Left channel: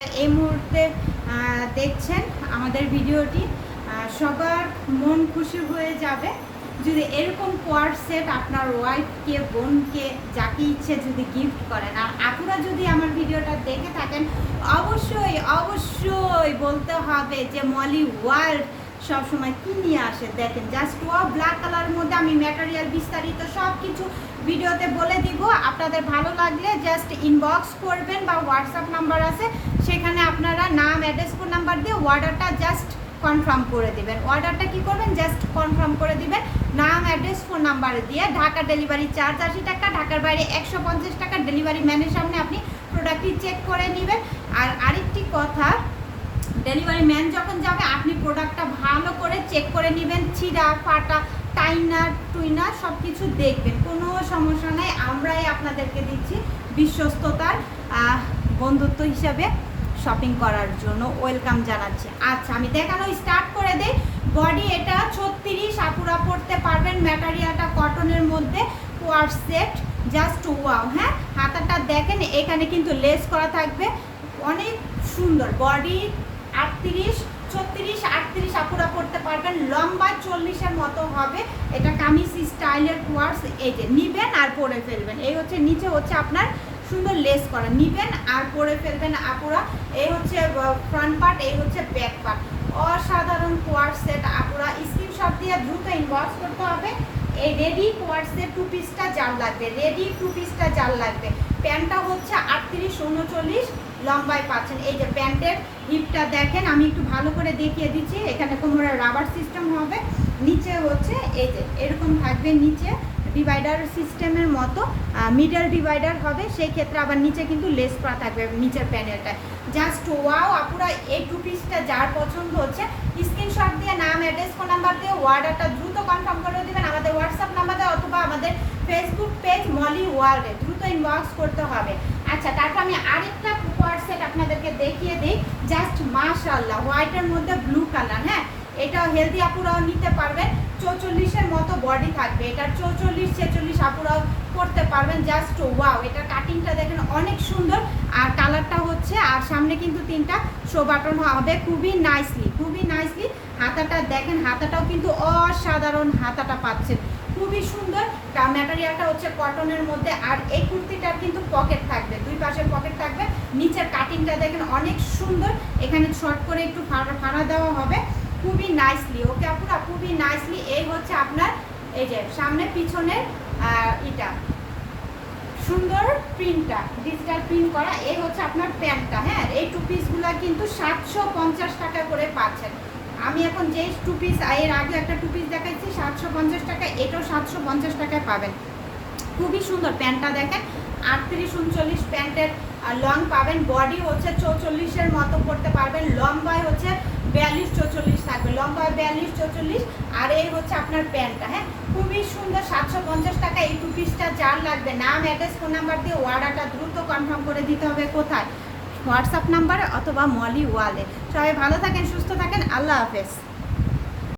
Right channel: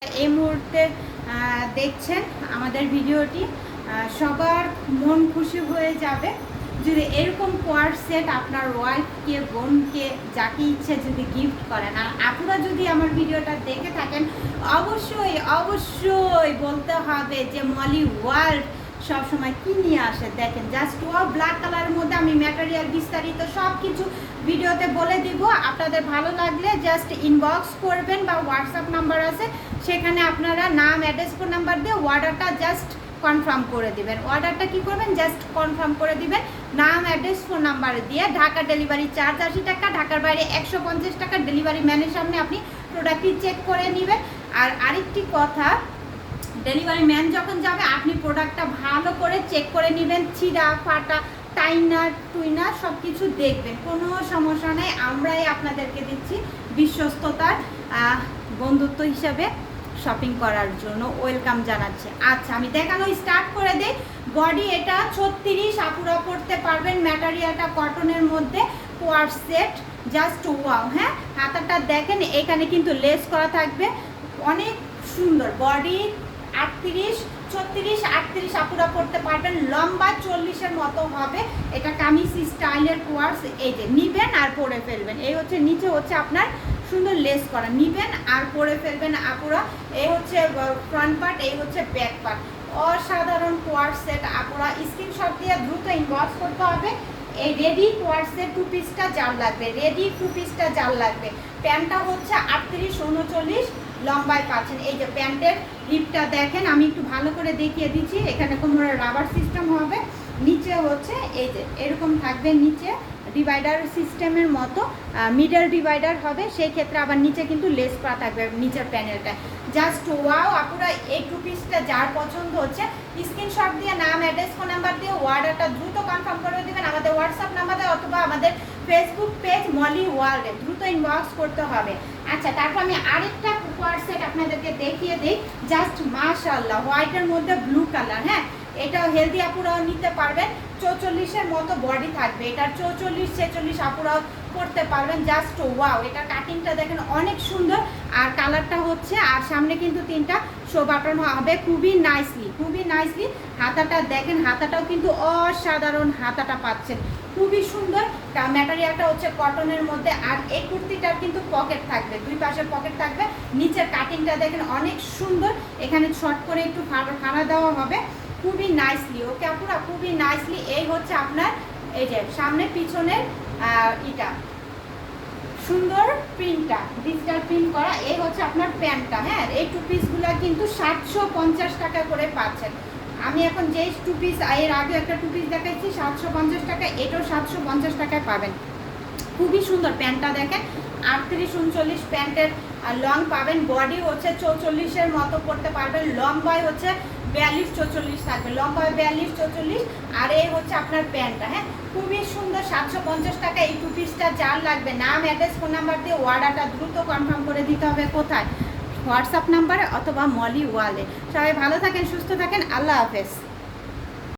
এই মুহূর্তে দেখছেন আমাদের ভিডিওটি। সবার মন খুশি হয়ে যাবে যদি এরকম কোয়ার সেট আপনার ওয়াইফকে, বোনকে, যাকে ইচ্ছে যদি গিফট করেন। আর আপনারা যদি আমার ভিডিওটা দেখে থাকেন, অবশ্যই অবশ্যই বলতে হবে যে, মলি ওয়ার্ল্ড সবসময় কি নিয়ে আসে? দেখেন জাস্ট ওয়াও ব্ল্যাক কালারের মধ্যে আমি ম্যাটেরিয়াল বিস্তারিত সব কিছু ভিডিওতে বলে দিব। আপনাদের ভালো লাগলে জাস্ট ইনবক্স করবেন বা হোয়াটসঅ্যাপ নাম্বার আছে, সেখানে আপনারা নাম অ্যাড্রেস ফোন নাম্বার দিয়ে অর্ডারটা জাস্ট কনফার্ম করে দিবেন। অর্ডারটা কি করবেন? জাস্ট কনফার্ম করে দিবেন। নাম অ্যাড্রেস ফোন নাম্বার দিয়ে ঢাকা ডেলিভারি চার্জ আশি টাকা, ঢাকার বাইরে একশো পঞ্চাশ টাকা ডেলিভারি ম্যানের সামনে আপনি প্রোডাক্টটি চেক করে নেবেন। আর আরেকটি কথা ডেলিভারি ম্যান যখন যাবে, আপনি প্রোডাক্টটা ভালো করে চেক করে নেবেন ছিঁড়া ফাটা, টাইনার, টুইনার সব কিছু দেখবেন। কোনো সমস্যা নেই, আমরাই আপনাদেরকে দিচ্ছি বিশ্বস্ততার বন্ধুত্ব হিসাবে শপিং করার জন্য। ওয়েলকাম জানাচ্ছে। আচ্ছা আমি দেখানো স্টার্ট করে দেই। বডি এটা ছত্রিশ, আপুরা পড়তে পারবেন। ম্যাটেরিয়ালটা কটনের মধ্যে কোয়ার সেট জাস্ট ওয়াও হ্যাঁ? হাতাটা দেখেন, এখানে কিন্তু লেস করা থাকবে। অনেক সুন্দর। বডি আটত্রিশ, ছত্রিশ, আটত্রিশ আপুরা পড়তে পারবেন। লম্বা চল্লিশের মতো হবে। এটা কামিজ স্টাইলের কোয়ার্স, এই যে নিবেন আর পরে ফেলবেন। এই হচ্ছে, নিচে হচ্ছে আপনার সুন্দর লেস করা। নিবেন আর পরে ফেলবেন আপুরা। এই হচ্ছে ফ্রন্ট পার্ট এই হচ্ছে ব্যাক পার্ট অসাধারণ কোয়ার সেট আপুরা। স্ক্রিনশট দিয়ে দ্রুত ইনবক্স করতে হবে। এই রেডি কোয়ার্সের টু পিসটা জাল লাগবে। রেডি টু পিসটা জাল লাগবে। প্যান্টটা হচ্ছে আটত্রিশ, উনচল্লিশ। লম্বায় পাচ্ছেন। এই যে প্যান্টের হিপটা দেখেন, আমি একটু ভালো করে দেখিয়ে দিচ্ছি। এখানে কোনো রাবার সিস্টেম হবে। নিচে হচ্ছে এই যে এরকম থাকবে নিচে ডিভাইডার সিস্টেমের মতো মিডল ডিভাইডার হবে। সেই ক্ষেত্রে আবার নিচে কিন্তু লেস করা থাকবে নিচের প্যানেলটা জাস্ট ওয়াও আপনারা এই টু পিসটা যার পছন্দ হচ্ছে স্ক্রিনশট দিয়ে নাম অ্যাড্রেস ফোন নাম্বার দিয়ে অর্ডারটা দ্রুত কনফার্ম করে দেবেন আমাদের হোয়াটসঅ্যাপ নাম্বারে অথবা আমাদের ফেসবুক পেজ মলি ওয়ার্ল্ডে দ্রুত ইনবক্স করতে হবে। আচ্ছা তারপর আমি আরেকটা সেট আপনাদেরকে দেখিয়ে দিই। জাস্ট মাশাল্লাহ হোয়াইটের মধ্যে ব্লু কালার হ্যাঁ? এটা হেলদি আপুরাও নিতে পারবেন। চৌচল্লিশের মতো বডি থাকবে। এটা চৌচল্লিশ, ছেচল্লিশ আপুরাও করতে পারবেন। জাস্ট ওয়াও এটা কাটিংটা দেখেন অনেক সুন্দর। আর কালারটা হচ্ছে, আর সামনে কিন্তু তিনটা শো বাটন হবে। খুবই নাইসলি খুবই নাইসলি হাতাটা দেখেন, হাতাটাও কিন্তু অসাধারণ হাতাটা পাচ্ছেন। খুবই সুন্দর। ম্যাটেরিয়ালটা হচ্ছে কটনের মধ্যে, আর এই কুর্তিটার কিন্তু পকেট থাকবে। দুই পাশে পকেট থাকবে। নিচের কাটিংটা দেখেন অনেক সুন্দর। এখানে শর্ট করে একটু ফাড়া দেওয়া হবে। খুবই নাইসলি ওকে আপুরা? খুবই নাইসলি এই হচ্ছে আপনার, এই যে সামনে পিছনের ইটা। সুন্দর প্রিন্টটা ডিজিটাল প্রিন্ট করা। এই হচ্ছে আপনার প্যান্টটা হ্যাঁ? এই টু পিসগুলো কিন্তু সাতশো পঞ্চাশ টাকা করে পাচ্ছেন। আমি এখন যে টু পিস এর আগে একটা টু পিস দেখাচ্ছি সাতশো পঞ্চাশ টাকা, এটাও সাতশো পঞ্চাশ টাকায় পাবেন। খুবই সুন্দর প্যান্টটা দেখেন, আটত্রিশ উনচল্লিশ প্যান্টের লং পাবেন বডি হচ্ছে চৌচল্লিশের মতো পড়তে পারবেন, লম্বায় হচ্ছে বিয়াল্লিশ চৌচল্লিশ থাকবে, লম্বায় বিয়াল্লিশ চৌচল্লিশ, আর এই হচ্ছে আপনার প্যান্টটা হ্যাঁ? খুবই সুন্দর, সাতশো পঞ্চাশ টাকা, এই টু পিসটা যার লাগবে, নাম অ্যাড্রেস ফোন নাম্বার দিয়ে অর্ডারটা দ্রুত কনফার্ম করে দিতে হবে, কোথায়? হোয়াটসঅ্যাপ নাম্বারে অথবা মলি ওয়ালে। সবাই ভালো থাকেন সুস্থ থাকেন আল্লাহ হাফেজ।